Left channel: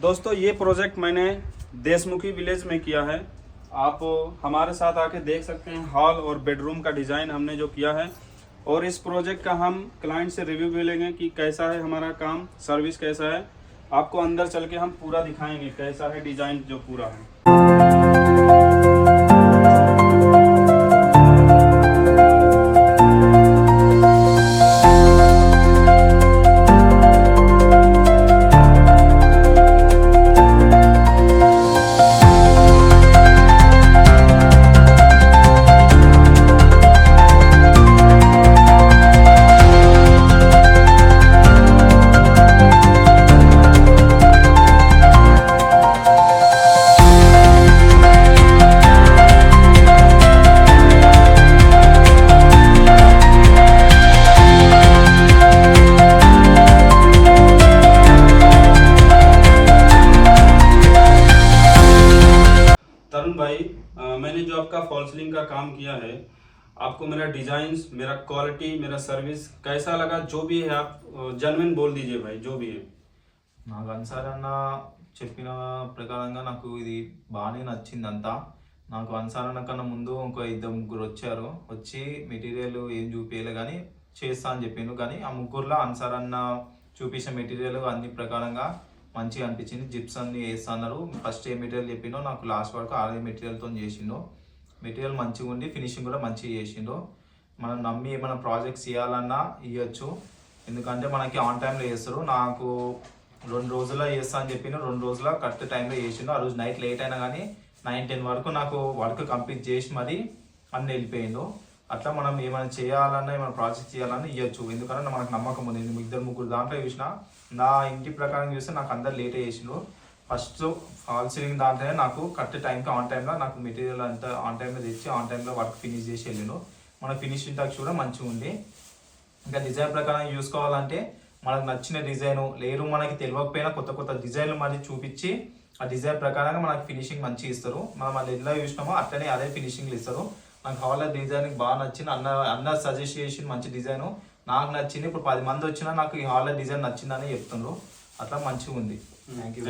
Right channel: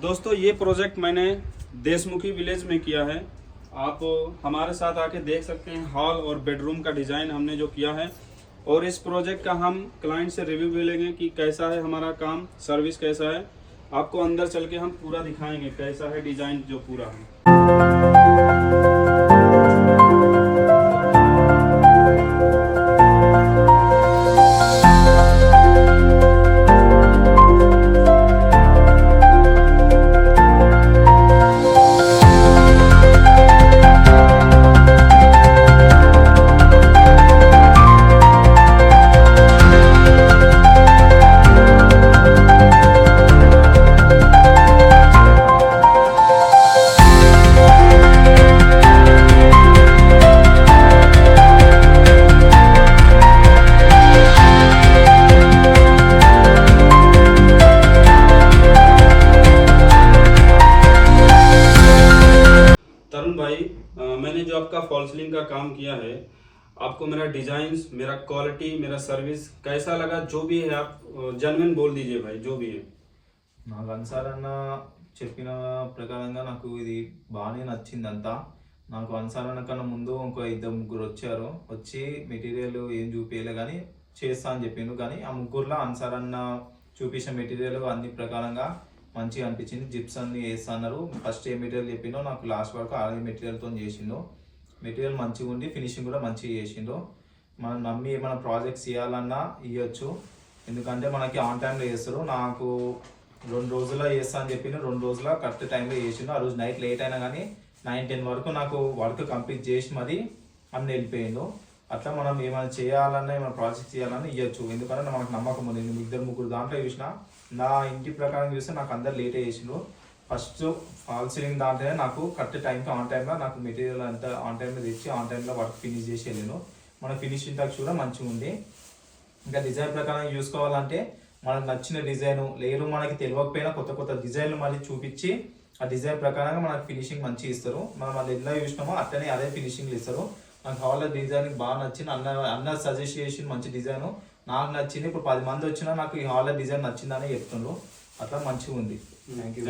दोस्तों ये प्रोजेक्ट मैंने देशमुखी विलेज में किया है। आप हमारे साथ आके देख सकते हैं हॉल और बेडरूम का डिज़ाइन हमने जो किया है, और इस प्रोजेक्ट का हम क्लाइंट से रिव्यू भी लेंगे कि कैसा है हमारा काम, सर्विस कैसा है। आपको अंदर चल के हम पूरा दिखाएंगे कैसा है डिज़ाइन जो पूरा है। तरुण भाई, मैंने जो आपका फॉल सीलिंग का काम किया है, आपको मेरा डिजाइन, मेरा क्वालिटी, मेरा सर्विस कैसा लगा? जो भी है आप जेन्युइन बोल दीजिए भाई, जो भी है। నాకు అన్సారన్న చెప్పిన ప్రకారంగా నాకు ఇది బాగానే నచ్చిందంతా. నాకు అన్సారన్న కన్నా ముందు ఇంకో ఇద్దరు ముగ్గురు వచ్చారు. వచ్చి మెటీరియల్ ఏం చూపించలే కానీ చేస్తా అని చెప్పిండు. కానీ ఆ ముగ్గురులో అన్సారన్న చూపించిన మెటీరియల్ అన్ని ప్రకారంగా మంచిగా అనిపించింది. జిప్స్ అన్ని వేస్తా అన్నారు. ఫస్ట్ ఏ మెటీరియల్ చెప్పిండో నాకు లాస్ట్ వరకు ఆ మెటీరియల్తో చేసిండు. మెటీరియల్ మంచిగా ఉండి ఫినిషింగ్ కూడా మంచిగా చేసిండు. మనం నమ్మి ఏమైనా ప్రాజెక్ట్స్ చేయాలన్నా ఇవ్వచ్చు, ఎందుకంటే మనకి ఆన్ టైంలో చేస్తారు. నాకు 2 రోజుల్లో చేస్తా అని చెప్పిండు. 2 రోజుల కరెక్ట్ టైంలో చేసిండు. ఆ రోజు నైట్ లేట్ అయినా కానీ 9-10 వరకు నాకు వర్క్ కంప్లీట్ చేసి మరి అన్ని వెళ్ళిపోయిండు. అట్లా మనం ఏమైనా చేయాలన్నా ఏమైనా ప్రాజెక్ట్ చేయాలన్నా ఇవ్వచ్చు, ఎందుకంటే మనకు నమ్మకం ఉంది. నేను 2-3 దాంట్లో చూసిన, నా ఇంటి ప్రకారం చూస్తే నాకు అందరు లేట్ చేసిండు. ఫస్ట్ ఫాల్ సీలింగ్ దాంట్లోనే నాకు కరెక్ట్ టైంకి ఆన్ టైంలో నాకు మెటీరియల్ అంతా ఆన్ టైంలో తెచ్చి ఆన్ టైంలో వర్క్ ఫినిష్ చేసి వెళ్ళిను. మన ఫినిషింగ్ టచ్ కూడా మంచిగా ఉంది. ఇంకా డిజైన్ ప్రకారం చూసుకోవాలంటే మనకు నచ్చిన డిజైను లేరు, మనకి తెలియకపోయినా కొత్త కొత్త డిజైన్లు మళ్ళీ చూపించి ఆ డిజైన్ ప్రకారంగా మనకు ఫినిషింగ్ మంచిగా ఇస్తారు. మనం అది ఎలా చూసినామో అట్లనే అదే ఫినిషింగ్లు ఇస్తారు. నాకు హాల్ డిజైన్ బాగా నచ్చింది. అన్న సజెస్ట్ చేసిన మంచి డిజైను నాకు నచ్చింది. ఇప్పుడు 10 మంది వచ్చినా నాకు ఈ హాల్ డిజైన్ నచ్చిందని చెప్తున్నారు. అట్లా మంచిగా ఉంది. Thank you.